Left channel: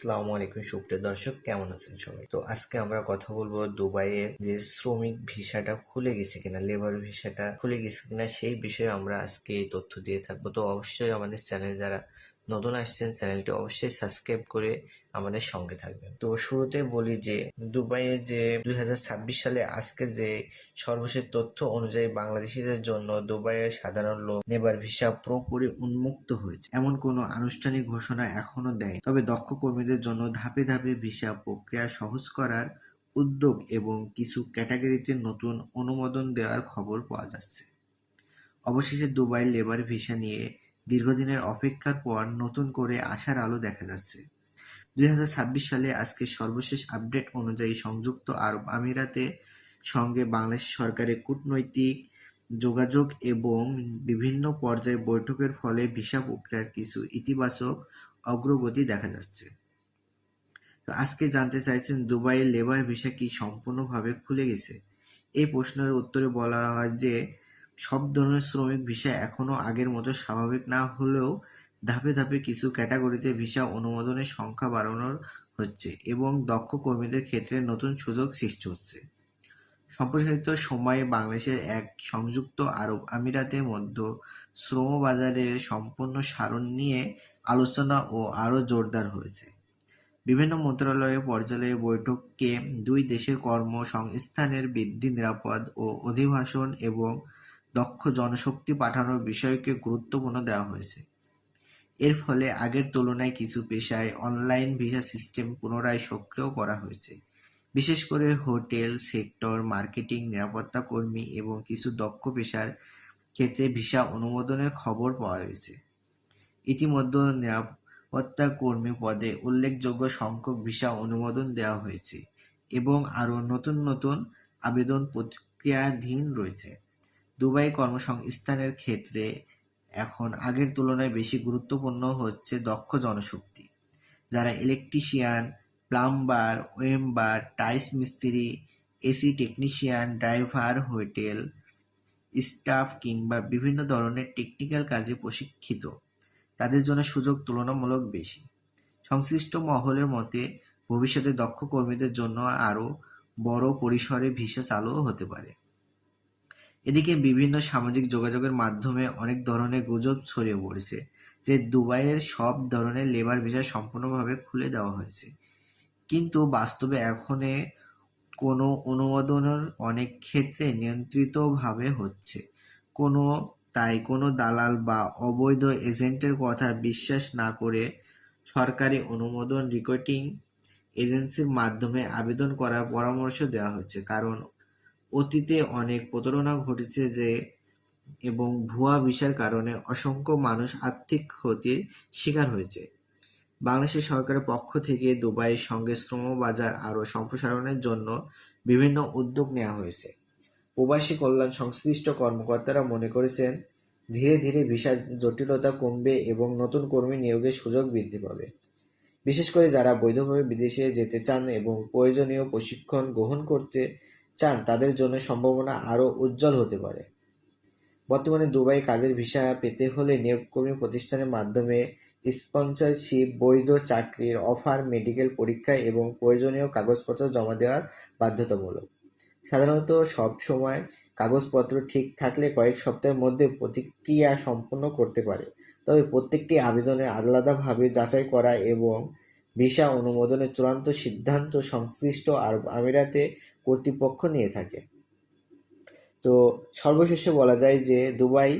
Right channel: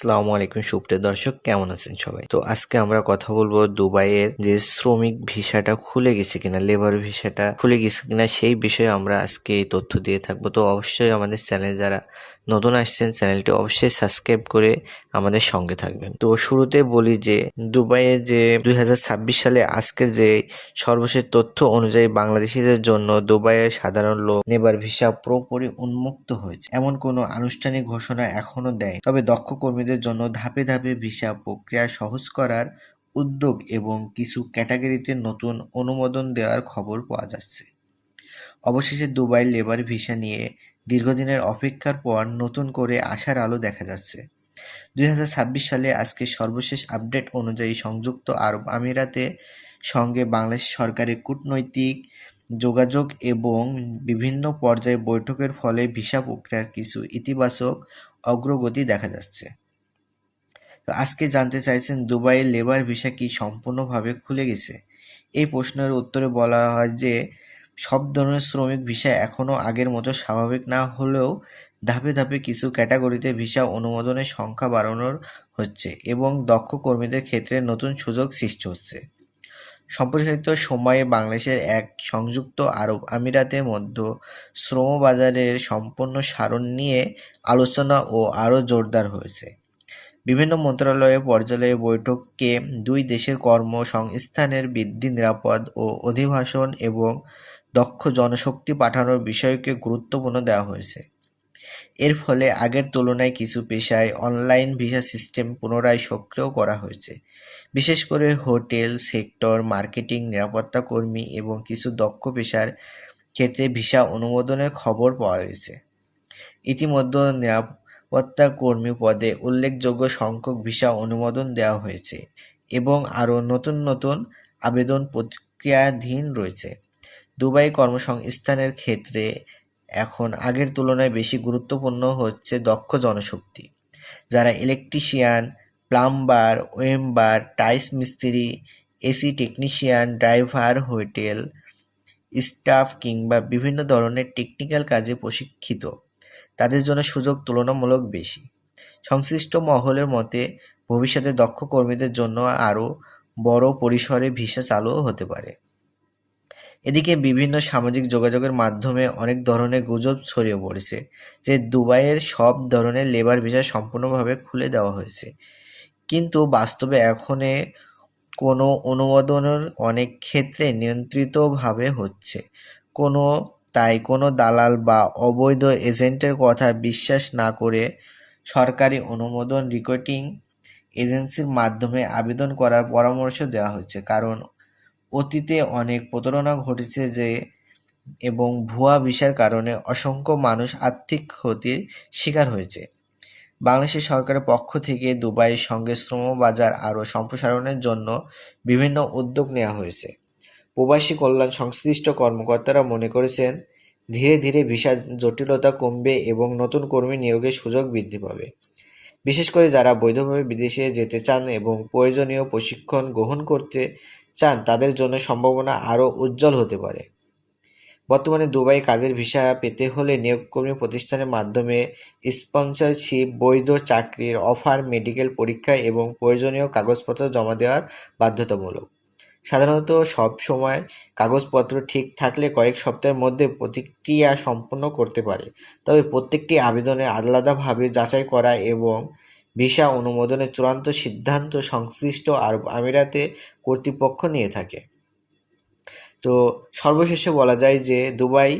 আসসালামু আলাইকুম সুপ্রিয় দর্শক, কেমন আছেন সবাই? তো আজকে আমরা কথা বলবো দুবাইয়ের যে শ্রমিক ভিসাটা খুলে গেছে কিনা, লেবার ভিসাটা খুলে গেছে কিনা সেই বিষয়ে আমরা আজকে এই তথ্য দিয়ে থাকবো। তো অবশ্যই আমাদের চ্যানেল যারা নতুন আসছেন চ্যানেলটি অবশ্যই সাবস্ক্রাইব করে আমাদের সঙ্গে থাকবেন। তো শুরুতে বলি যে দুবাইয়ে যে 2026 সালে আজকের যে সর্বশেষ তথ্য অনুযায়ী বাংলাদেশিদের জন্য দুবাইয়ের সাধারণ লোক নেবার ভিসা পুরোপুরি উন্মুক্ত হয়েছে। এমন কোনো আনুষ্ঠানিক ঘোষণা এখনো দেয়, তবে দক্ষ কর্মীদের জন্য ধাপে ধাপে ভিসা প্রক্রিয়া সহজ করার উদ্যোগ এবং কিছু ক্যাটাগরিতে নতুন অনুমোদন দেওয়ার খবর পাওয়া যাচ্ছে। অবশেষে দুবাই লেবার ভিসা নিয়ে দীর্ঘদিনের অপেক্ষার পর নতুন করে আশার আলো দেখা যাচ্ছে। 2026 সালে আজকে সর্বশেষ আপডেট অনুযায়ী সংযুক্ত আরব আমিরাতে সঙ্গে বাংলাদেশ সরকারের কূটনৈতিক যোগাযোগ এবং বিভিন্ন পর্যায়ে বৈঠকের ফলে ভিসা প্রক্রিয়ার কিছু ইতিবাচক অগ্রগতি দেখা যাচ্ছে। তো আজকে জানতে চাইছেন দুবাইয়ের লেবার ভিসা কি সম্পূর্ণভাবে খুলে গেছে? এই প্রশ্নের উত্তরে বলা হয় যে সব ধরনের শ্রমিক ভিসা এখনও আগের মতো স্বাভাবিক না হলেও ধাপে ধাপে কিছু ক্যাটাগরিতে ভিসা অনুমোদনের সংখ্যা বাড়ানোর হচ্ছে এবং দক্ষ কর্মীদের ক্ষেত্রে নতুন সুযোগ সৃষ্টি হচ্ছে। সম্প্রসারিত সময়ে বাংলাদেশের এক সংযুক্ত আরব আমিরাতের মধ্যে শ্রম বাজারের সম্পূর্ণ সারণ নিয়ে আলোচনা ও আরও জোরদার হয়েছে। বিভিন্ন মন্ত্রণালয়ের পর্যায়ে বৈঠকে দুই দেশের কর্মসংস্থানের বৃদ্ধি, নিরাপদ ও অভিবাসন এবং দক্ষ জনশক্তি পাঠানোর বিষয়কে গুরুত্বপূর্ণ দেওয়া হয়েছে। এর ফলে আগের তুলনায় কিছু পেশায় অনলাইন ভিসা সিস্টেম পুনরায় সক্রিয় করা হয়েছে। বিশেষ করে হোটেল সেক্টর, মার্কেটিং, নিরাপত্তা কর্মী এবং কিছু দক্ষ পেশার ক্ষেত্রে ভিসা অনুমোদনের খবর পাওয়া গেছে। ইতিমধ্যে নিরাপত্তা কর্মী পদে উল্লেখযোগ্য সংখ্যক ভিসা অনুমোদন দেওয়া হয়েছে এবং আরও নতুন নতুন আবেদন প্রক্রিয়াধীন রয়েছে। দুবাই কর্মসংস্থানের ক্ষেত্রে এখন আগের তুলনায় বেশি গুরুত্বপূর্ণ হচ্ছে দক্ষ জনশক্তি, যারা ইলেকট্রিশিয়ান, প্লাম্বার, ওয়েম্বার, টাইলস মিস্ত্রি, AC technician, driver, hotel staff কিংবা বিভিন্ন ধরনের টেকনিক্যাল কাজে প্রশিক্ষিত। তাদের জন্য সুযোগ তুলনামূলক বেশি। সংশ্লিষ্ট মহলের মতে ভবিষ্যতে দক্ষ কর্মীদের জন্য আরও বড় পরিসরে ভিসা চালুও হতে পারে। এদিকে বিভিন্ন সামাজিক যোগাযোগের মাধ্যমে অনেক ধরনের গুজব ছড়িয়ে পড়েছে যে দুবাইয়ের সব ধরনের লেবার ভিসা সম্পূর্ণভাবে খুলে দেওয়া হয়েছে, কিন্তু বাস্তবে এখনে কোনো অনুমোদনের অনেক ক্ষেত্রে নিয়ন্ত্রিতভাবে হচ্ছে। তাই কোনো দালাল বা অবৈধ এজেন্টের কথা বিশ্বাস না করে সরকারি অনুমোদন রিক্রুটিং এজেন্সির মাধ্যমে আবেদন করার পরামর্শ দেওয়া হচ্ছে, কারণ অতীতে অনেক প্রতারণা ঘটেছে এবং ভুয়া ভিসার কারণে অসংখ্য মানুষ আর্থিক ক্ষতির শিকার হয়েছে। বাংলাদেশ সরকারের পক্ষ থেকে দুবাইয়ের সঙ্গে শ্রম বাজার আরও সম্প্রসারণের জন্য বিভিন্ন উদ্যোগ নেওয়া হয়েছে। প্রবাসী কল্যাণ সংশ্লিষ্ট কর্মকর্তারা মনে করেছেন ধীরে ধীরে ভিসা জটিলতা কমবে এবং নতুন কর্মী নিয়োগের সুযোগ বৃদ্ধি পাবে। বিশেষ করে যারা বৈধভাবে বিদেশে যেতে চান এবং প্রয়োজনীয় প্রশিক্ষণ গ্রহণ করতে চান তাদের জন্য সম্ভাবনা আরও উজ্জ্বল হতে পারে। বর্তমানে দুবাই কাজের ভিসা পেতে হলে নিয়োগকর্মী প্রতিষ্ঠানের মাধ্যমে স্পন্সরশিপ, বৈধ চাকরির অফার, মেডিকেল পরীক্ষা এবং প্রয়োজনীয় কাগজপত্র জমা দেওয়ার বাধ্যতামূলক। সাধারণত সব সময় কাগজপত্র ঠিক থাকলে কয়েক সপ্তাহের মধ্যে প্রতিক্রিয়া সম্পন্ন করতে পারে, তবে প্রত্যেকটি আবেদনে আলাদাভাবে যাচাই করা এবং ভিসা অনুমোদনের চূড়ান্ত সিদ্ধান্ত সংশ্লিষ্ট আরব আমিরাতে কর্তৃপক্ষ নিয়ে থাকে। তো সর্বশেষে বলা যায় যে দুবাই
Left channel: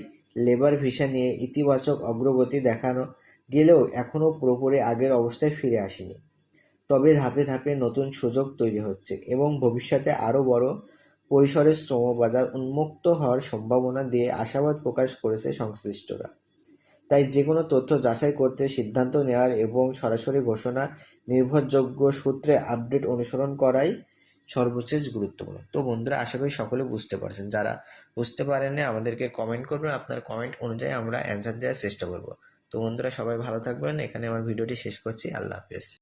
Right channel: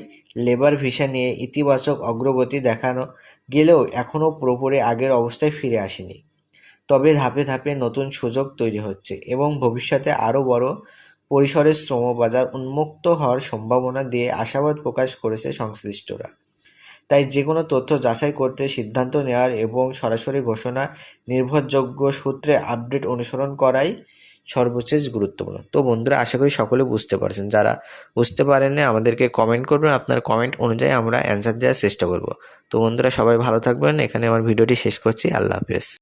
লেবার ভিসা নিয়ে ইতিবাচক অগ্রগতি দেখানো গেলেও এখনও পুরোপুরি আগের অবস্থায় ফিরে আসেনি। তবে ধাপে ধাপে নতুন সুযোগ তৈরি হচ্ছে এবং ভবিষ্যতে আরও বড় পরিসরে শ্রমবাজার উন্মুক্ত হওয়ার সম্ভাবনা দিয়ে আশাবাদ প্রকাশ করেছে সংশ্লিষ্টরা। তাই যে কোনো তথ্য যাচাই করতে সিদ্ধান্ত নেওয়ার এবং সরাসরি ঘোষণা নির্ভরযোগ্য সূত্রে আপডেট অনুসরণ করাই সর্বশেষ গুরুত্বপূর্ণ। তো বন্ধুরা, আশা করি সকলে বুঝতে পারছেন। যারা বুঝতে পারেননি আমাদেরকে কমেন্ট করবেন, আপনার কমেন্ট অনুযায়ী আমরা অ্যান্সার দেওয়ার চেষ্টা করব। তো বন্ধুরা, সবাই ভালো থাকবেন। এখানে আমার ভিডিওটি শেষ করছি। আল্লাহ হাফেজ।